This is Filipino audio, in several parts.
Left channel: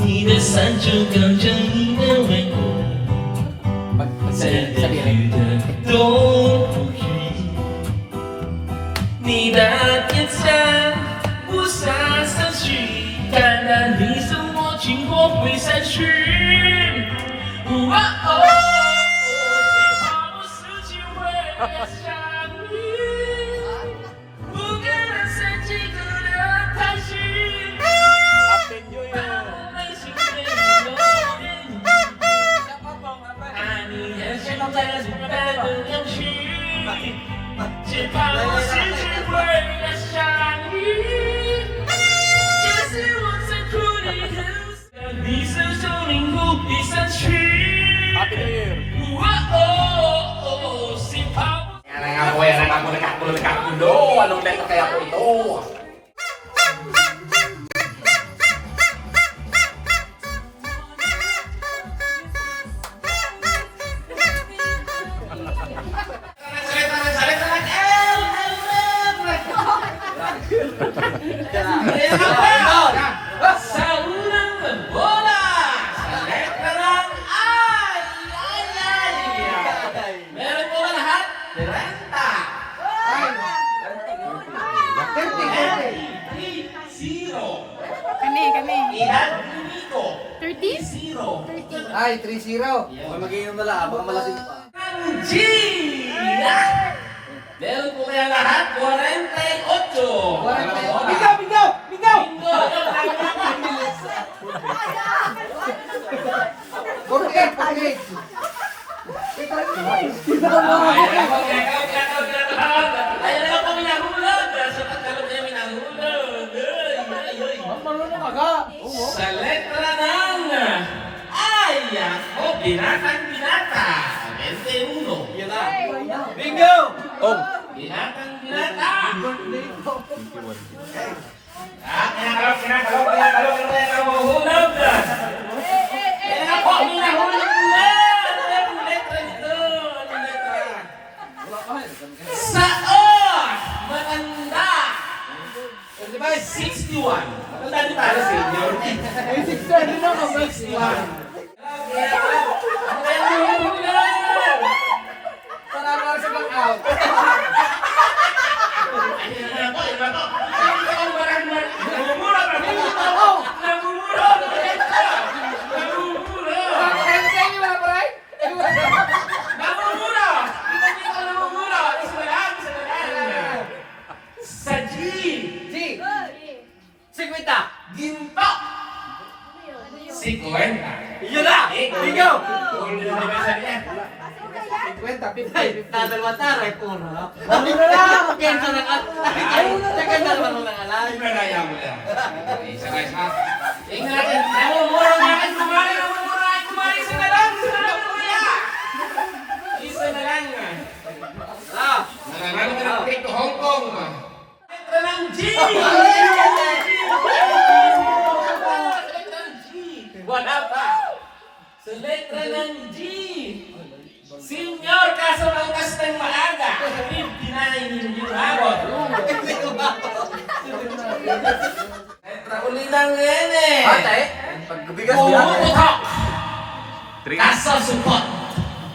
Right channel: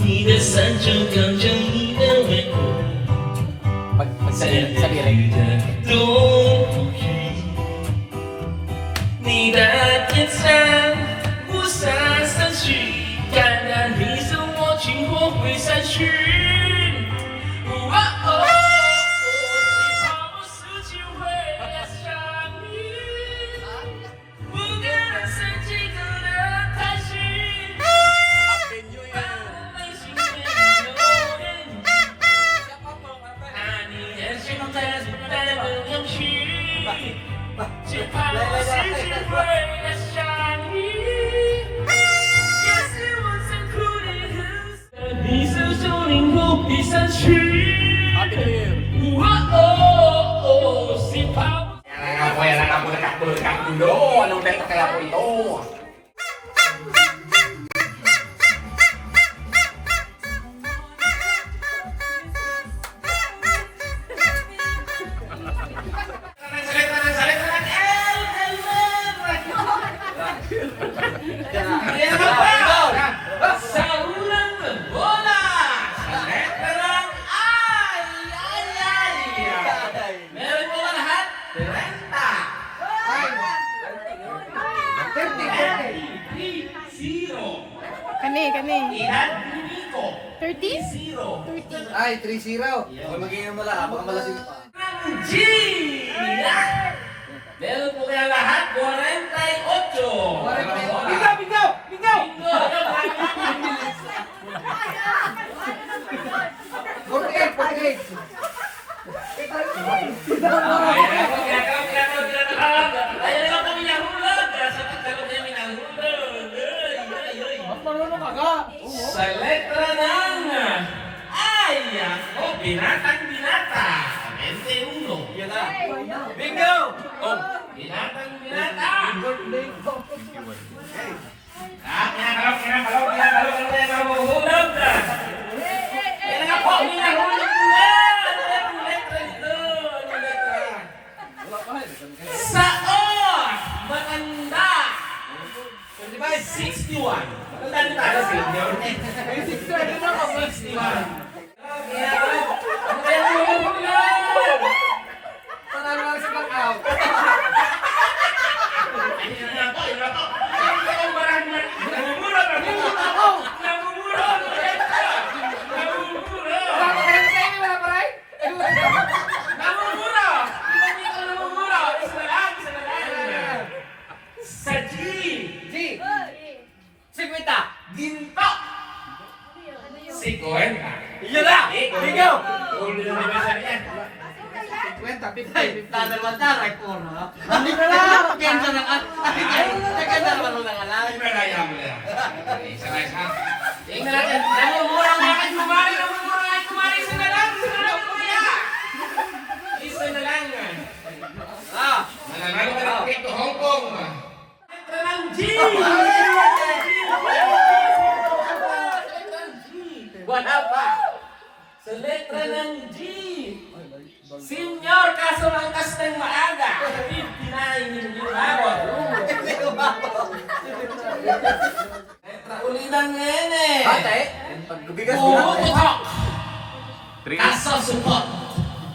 你的伞就挡着你的美，在雨的冬雨，你的天色不洒散去，淡淡你送我经过会散去。哦哦，谁怕我失去会想你，不可能三几个的太虚。只怕我失去会要相遇，也是我残酷的很色，你是树林不必散去。Si pa Yan ang ako, nagkakulo. Anong benta kaya po ito? sa unang bola, sa letra ng ay. Meron po ba lahat? 30. Kani. Ilan? Nico. 30? 0. Ay, 3-0. Okay, mag-iinom na lang. Baka malasing pa. Ang G! Meron po kaya lahat? 48. Bingaw! Bingo! Forget. Ayan na lang kami nahulog. Sa pagkalog niya may nahulog. Marunong ka ga. Sa letra ng ay, ako, binatang. 21. Yan na. Bingo! Binatang. Mahuhulog. Ayan na po, may nahulog na. Anong letra nito? Anong letra? Sa O, matanda. 61. Matanda din tayo, senior. 61. Ano kaya nahulog na? Panalo sa knockout. Ayan na to. Namumura. Kaya sa inyo wala pa rin? Namumura! Hindi ko namumura! Isa lang! Sa G! G. 50. Ginto! 50! Yan na. Bingo. Hindi na nabasa yan. 50, Ay, tatalawa taray ko, no? Hindi na lang. Ganda ng naganda naman mo ng alay. Hindi na kaya mo lang. Isa na isa. Tingnan natin. Namumura na kayo kumari! Namumura kayo kumari! Isa na lang! Kuya! Isa na lang! Nananalo ka ng trip to Hong Kong! Letra ng G! Wala pa. Sa letra ng G! Senyor, kaso langkas ng maaga. 59 yung habot. Letra uli ng N. Ate, pagbigas niya. Pumutok. Kaso supot.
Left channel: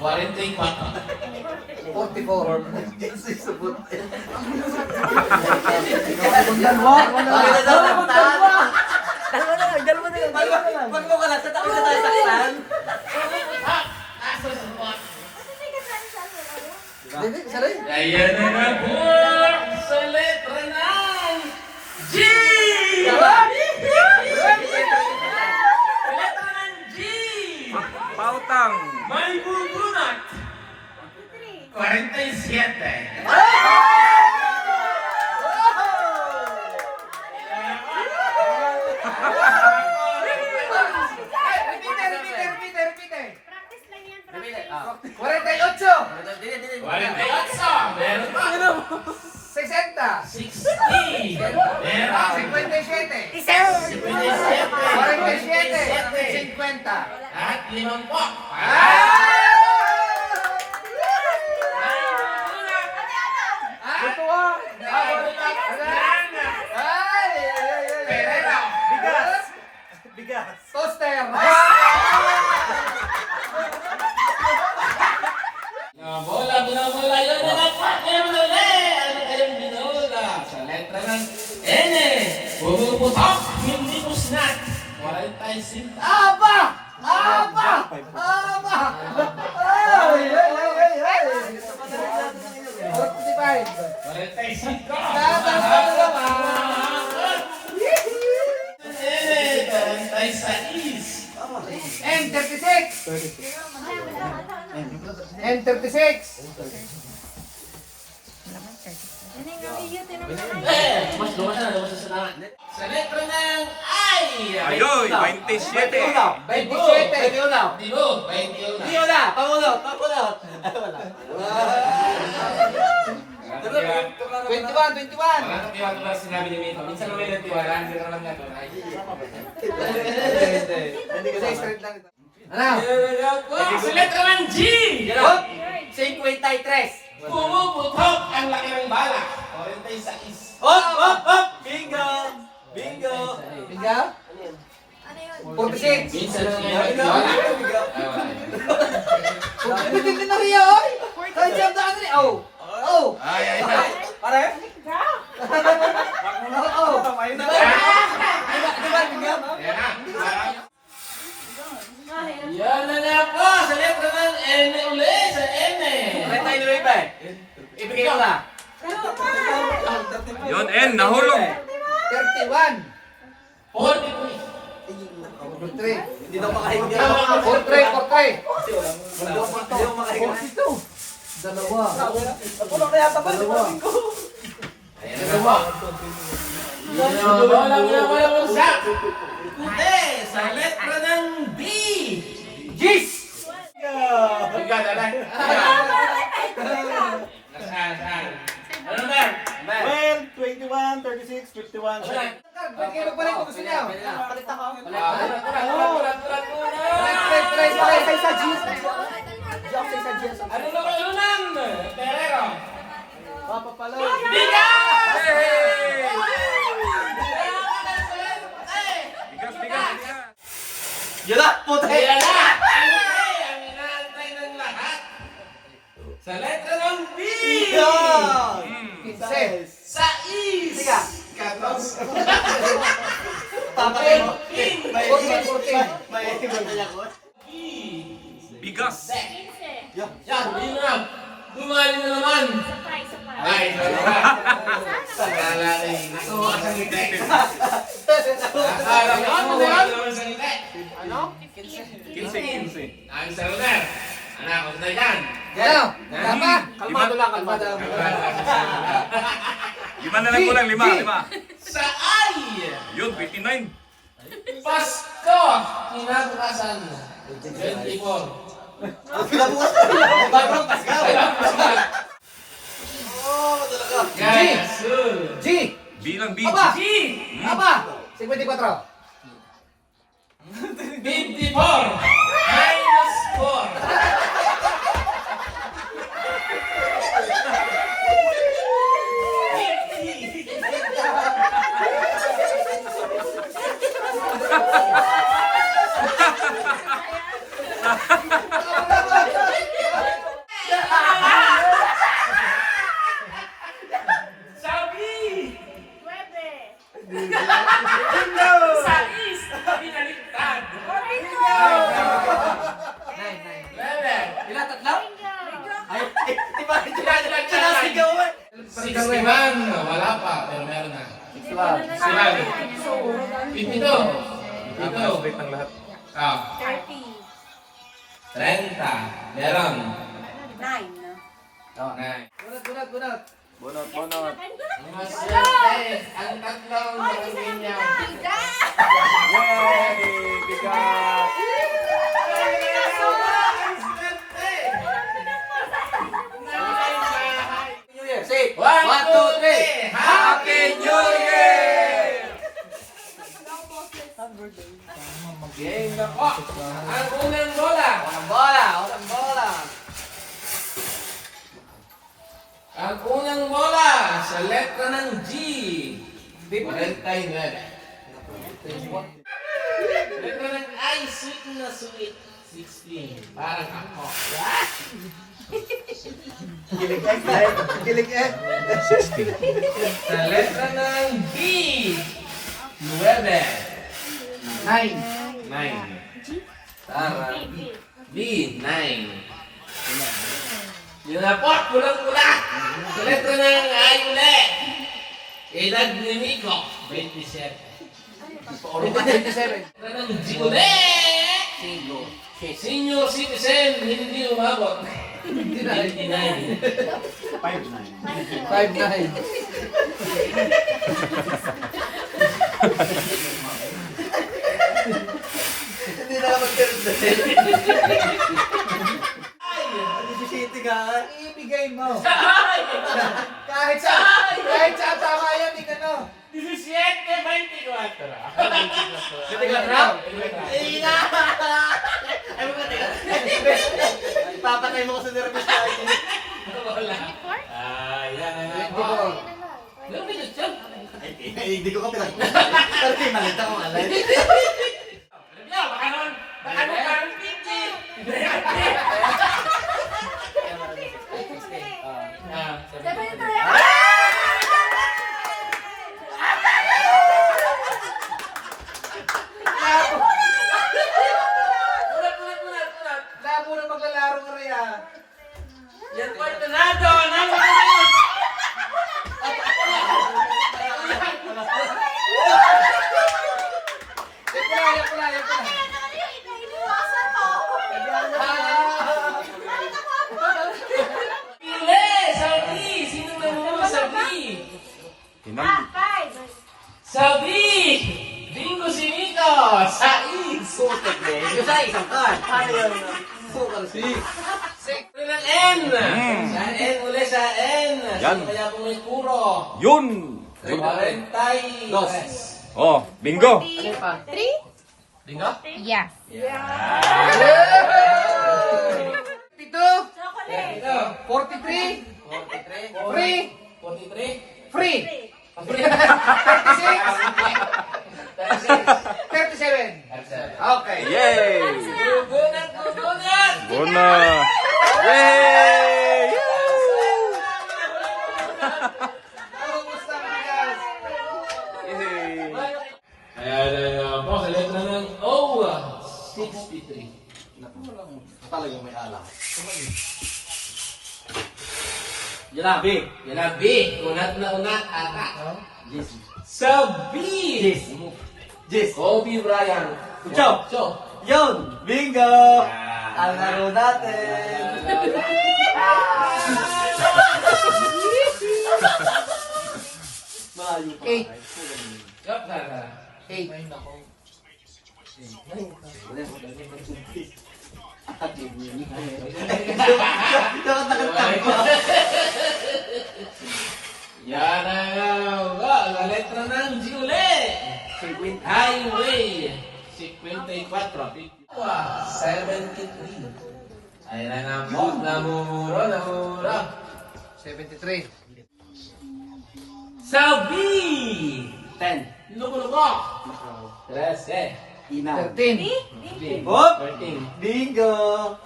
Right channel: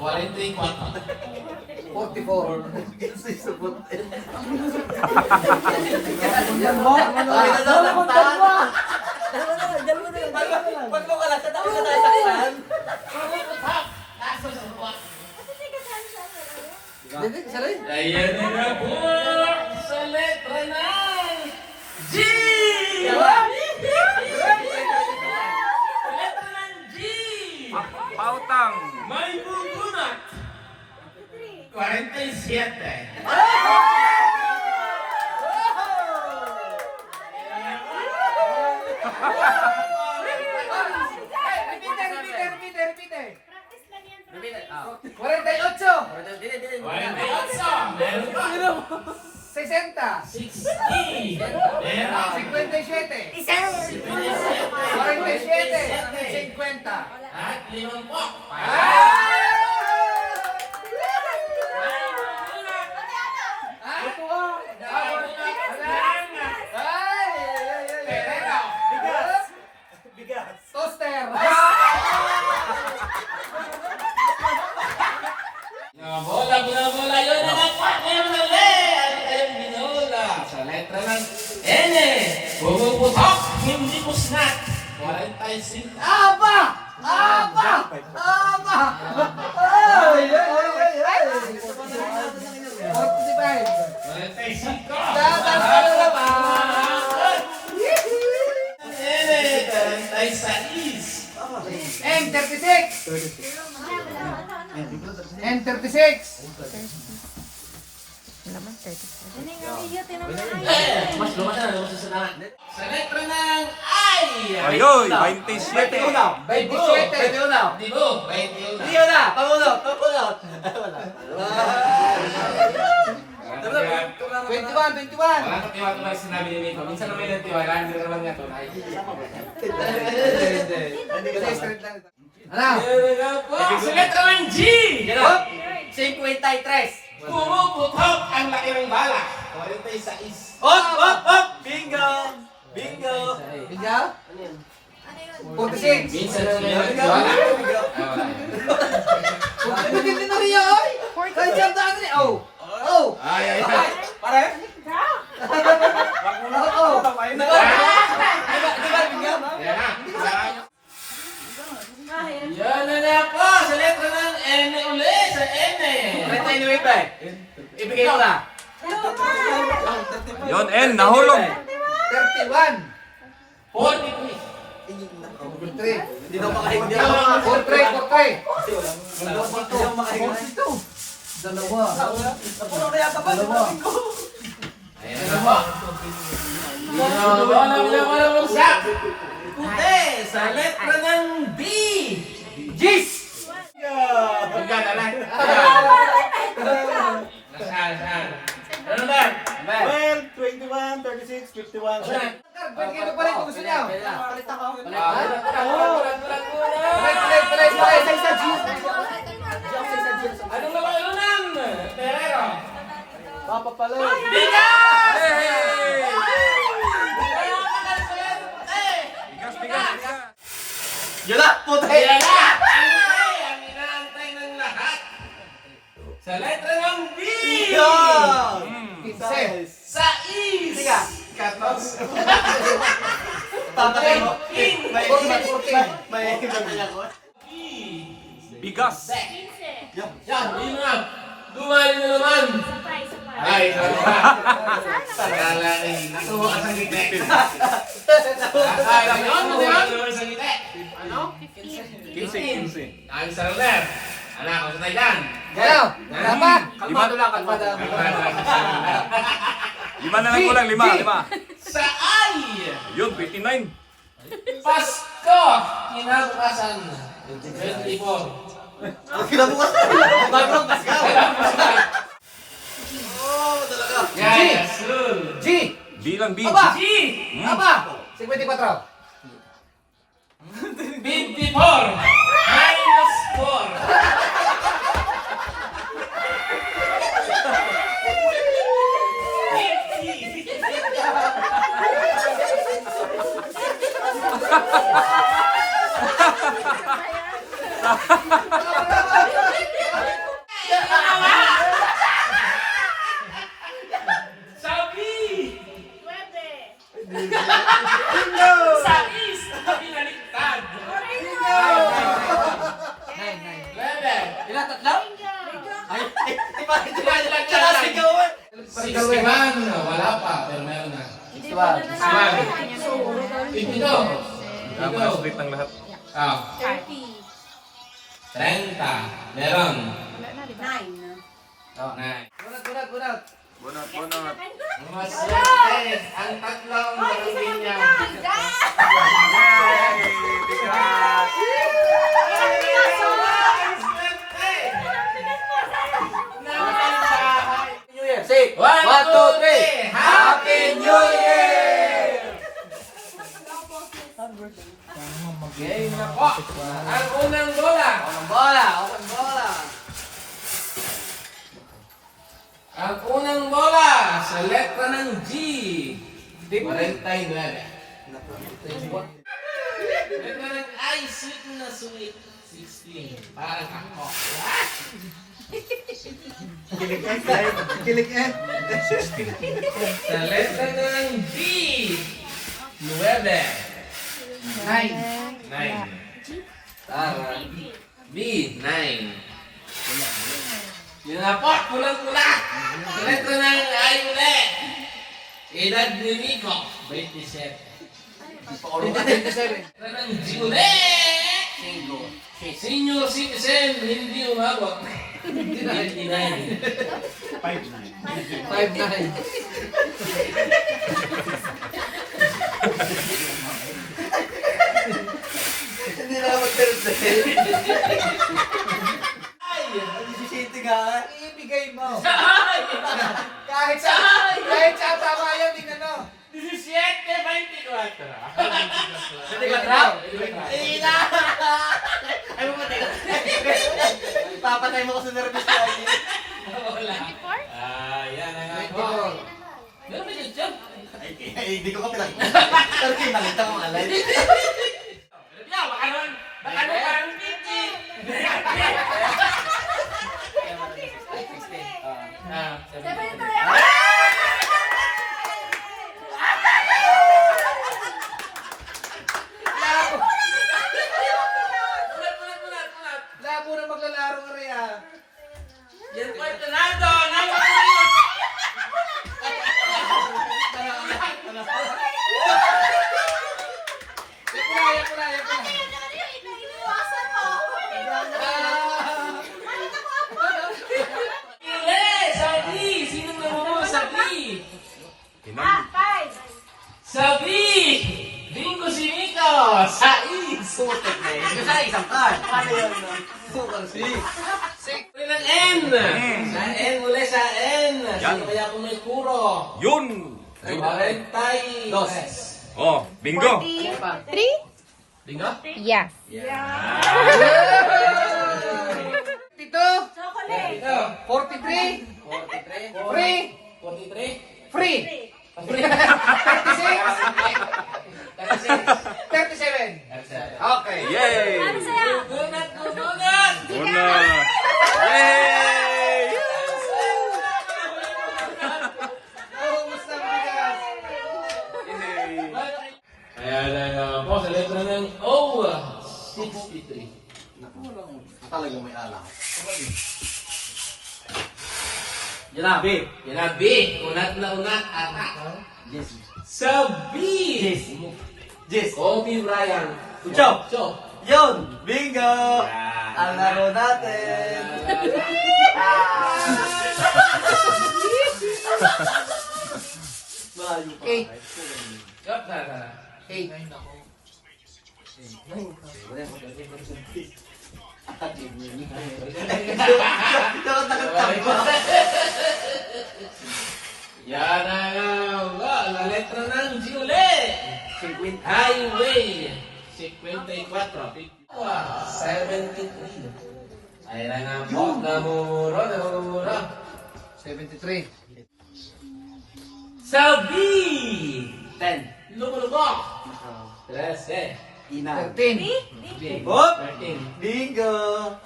44. 44. Kasi subot. Pag mo ka lang, sa taon na tayo sa ilan. Pumutok. Kaso supot. Hindi, salay. Ayan na nga po sa letra ng G! Letra ng G! Pautang. May bugunot! 47. Repeat. Practice lang yan. 48. 48. Meron pa. 60. 60. Meron. 57. 47. 47. 50. At 50. Ito ah. Ay! Master. Binobola, binobola. Yun na nga po. Ngayon mali. Ano kayong binobola? Sa letra ng N. Bumubutok. Hindi po snack. 45. Aba! Aba! Aba! Ay! 45. 45. N36. N36. Mas lumas na sa Sa letra ng I. Ayoy, 27. 27. Dibo, 21. Diyo na! Pangulot! Pangulot! Wala. 21. Wala nang tiwala ba sinabi ni Mito. Minsan naman yung tiwala, hindi naman nga ito. Kasi straight lang ito. Ano? Sa letra ng G. Hop! 53! Pumuputok ang laki ng bala. 46. Hop! Hop! Hop! Bingo! Bingo! Ikaw? 46. Minsan naman yung tiwala. Hindi din na rin yun. Kaya siya daan rin. Oh! Oh! Ay. Pare? Oh! Diba? Bingo? Ayan na. Yan na nga po. Sa letra ng N ulit. Sa N. Renta inuwi pa eh. Ibigay mo na. Yon, N, nahulog. 31. 43. 43. Hindi daw makahingi. Hindi 43. daw makahingi. Dalawa. Napuno na yata ba? Ayan na po. Wala bagsak. Puti. Sa letra ng B. Gis! Magkano lang. Nasaan? Ano na? 12, 21, 36, 51. Pwede kayo magpalit kung gusto niyo. Ano na ba ulan? Pero. Papapalo. Bigas! Hey! Bigas, bigas, bigas. Yun na! Puti! Ayan na! Ang inaantay ng lahat. Sa letra ng B. Sa is. Sige. 14. Tama kayo. Bigas. Yan, yun na. Dumali na naman. Ay, sakala eh. Naku, asang ngiti. Akala mo, ano naman sa ngiti? Ano? 15. Ang saluner. Anak, ang kunay dyan. Gano? Lama. Kalmado lang, kalmado. Lima na lang kulang, lima. Sa I. Yun, 29. Pasko. Kinabukasan. 24. Kinabukas. Bagong Pascal. Yes. G. Bilang B. Aba. G. Aba. 54. 54. Minus 4. Sabi! Sa is, binaliktad. 11. Ilan, tatlo? Ay, di ba? Sinasigaw eh. 61. Wala pa, pero meron na. 61. 52. Tama, straight ng lahat. Ah, 30. Meron. 9. Bunot. Bonot. Maswerte ang tatlong linya. Yay! Bigas. New Year. Say, 1, 2, 3. Happy New Year! Game na po. Ang unang bola. Bola. Ang unang bola sa letra ng G. 49. Letra ng ay sweet na sweet. 16. Parang ako. Kilig eh. Kilig eh. Sa letra ng B. 9. 9. Tara. B. 9. Yun na po, pulang-pula. Sa letra ng I ulit. Edad ni Nico. 27. 27. Letra ng G ulit. Senior citizen, hindi umabot. 59. 5'9". Hindi na ka mag-celebrate. Ay! Nagsisiti ka. Ibigay mo. Ay! Kahit sa tama yan, tingnan mo. 17, 24. Ina! Ay mo ba? Ipapatay mo ko sa nervous party. Wala. 24? Ayan. 24. Ano ba yun, Chong? Ay, hindi ko ka pinag... Pero pinalita ko nga. Baka naman parang 50. Ulat. Labo na maglalaro ka rin ah. Yan po ito na ito. Yan pula. Pili! Sabi! Sinong nangulo? Sabi! Sabi! Bingo si Nico! Sais! Sukat na eh. Kasi sa isang card. Ano yun? Sukat si. Uli ng N! Sa N, uli sa N! Sino kaya po may puro? Yun! 43. Oh, bingo! 3? Bingo? Yes. 52. Ito. 43. 43. Free. 43. Free. 37. Okay. Yay! Gugunat! Bona! Yay! Kumusta mga guys? Ayan po sa letra ng O. 63. Talagang may alam. Yan na, B. Unat na unat. Ata. Yes. Sa B. Yes. Kobe Bryant. Chow. Yun! Bingo! Yan. Ang laro natin! Malayo pa. 8. Yup, tara. 8. Nakatakat pa. Yan nga. La letra ng G ulit. Highway. 54. 73. Ayan na nga po. Namumuro. 73. Sa B. 10. Lumulubok. 13. Ina. 13. Hop! 13. Bingo!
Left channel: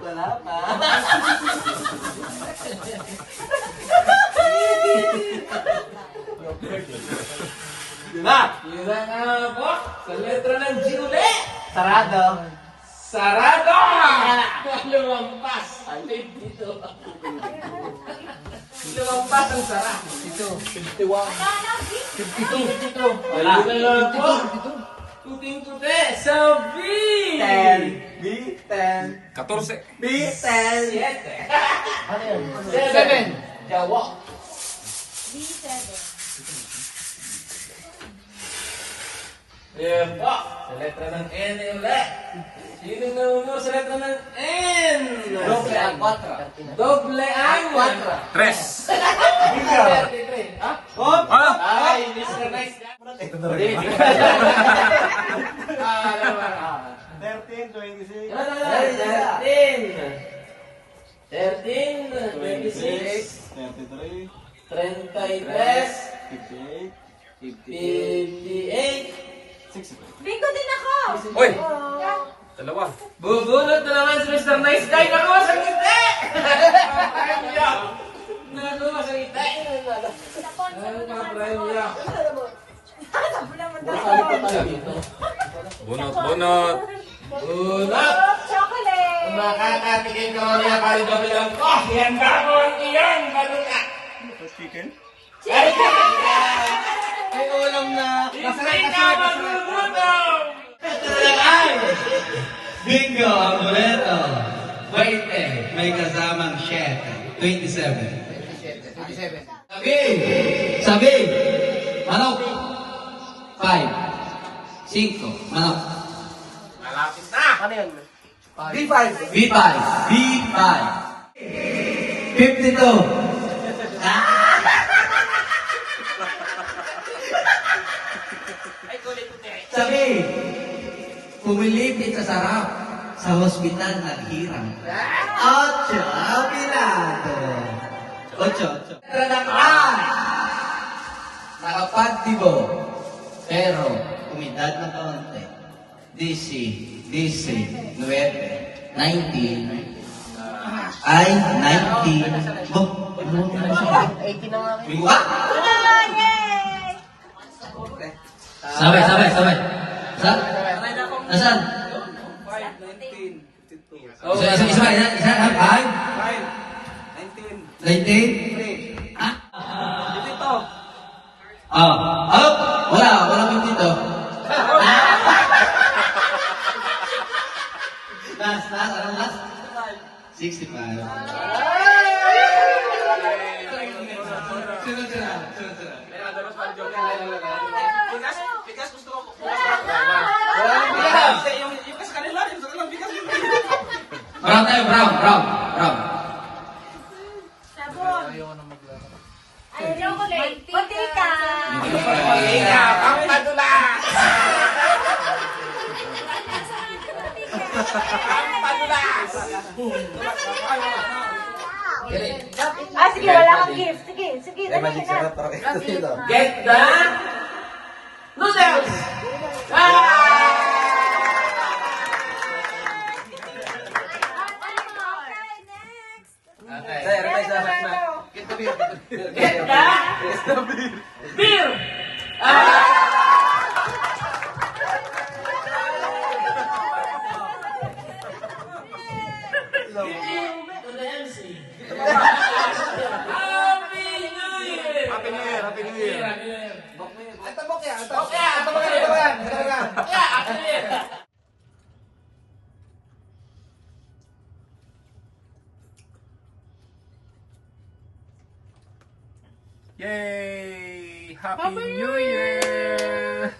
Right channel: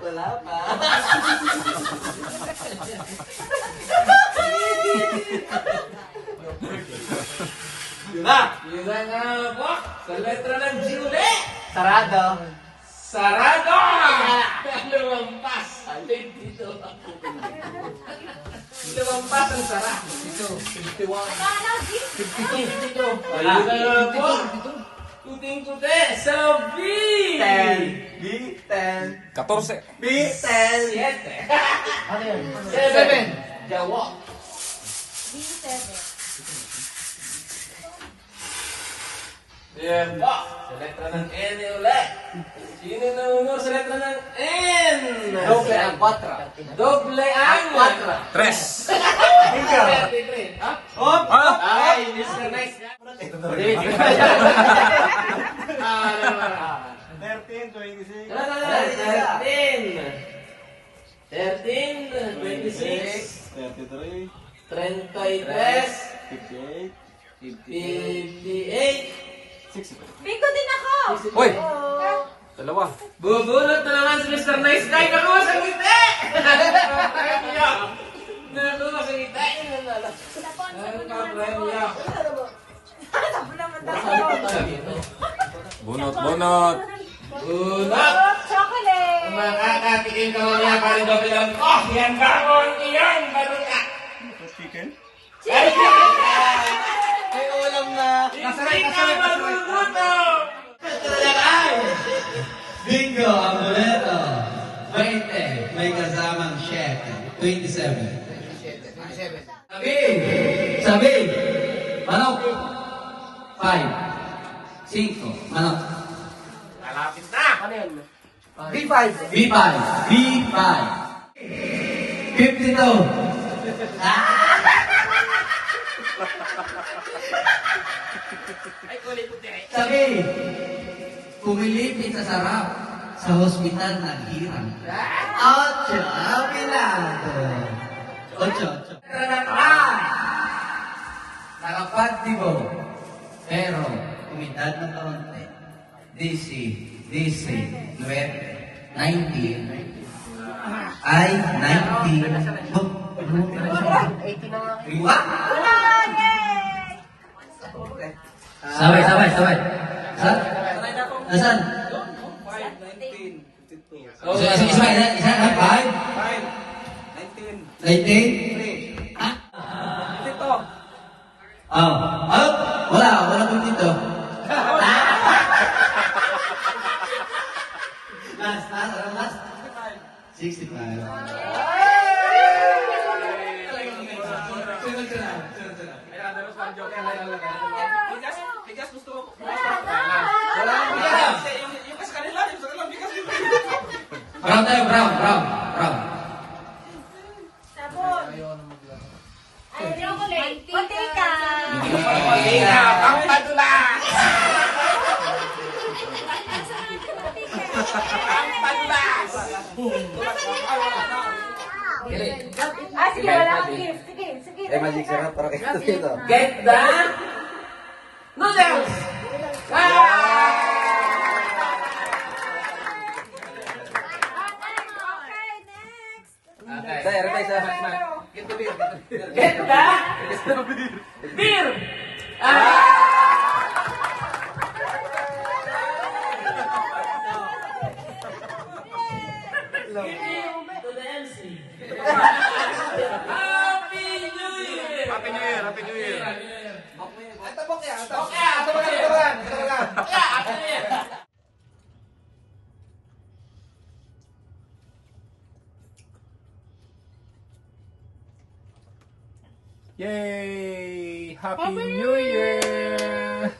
Wala pa. Yun na! Yun na nga po. Sa letra ng G ulit. Sarado. Sarado! Lumampas. Dito. Lumampas ang sara. 52. Ayun na nga po. Puting-puti. Sa B. 10. B10. 14. B10. 7. Jawa. Yan po. Sa letra ng N ulit. Sino nauna sa letra ng N? Doble ang 4. Doble ang 4. 3. 33. Ha? Hop! Ay, Mr. Nice Guy. 13, 26. 13, 26, 33, 33, 58, Bingo din ako! Uy! Oh. Dalawa. Bubunot na naman si Mr. Nice Guy. Naku, sa ngiti! Naku, sa ngiti. Bunot, bunot. Bunot! Chocolate! Makakatikin ka mamaya pari ba bilang ko? Yan bakon, iyan, baluta. Chicken? May ulam na. Hindi ka magugutom! Bingo, ang boleto. 20, may kasamang 7. 27. Sabi! Manok! 5. 5. Manok. Malapit na! Ano yun? B5. B5. 52. Sabi, pumilipit sa sarap sa hospital naghirang. 8. Pinado. 8. Nakapagtigo. Pero, umidad na kaunti. DC, 9, 19. Ay, 19. Oh, ano? 18 na nga. Iwa? Sabi. Nasaan? Isa, 5? 19? Ah? Wala kang dito. Last, anong last? 65. Sunod. Bigas gusto ko. Yung kas kanila, ito lang bigas. Brown. Ay, chocolate! Mantika! Mantika, pangpadula! Pangpadulas! Sige, wala akong gift. Sige. Magic sarap para kayo dito. Get the noodles! Get the beer! To the MC. Happy New Year! Happy New Year. Yay! Happy New Year!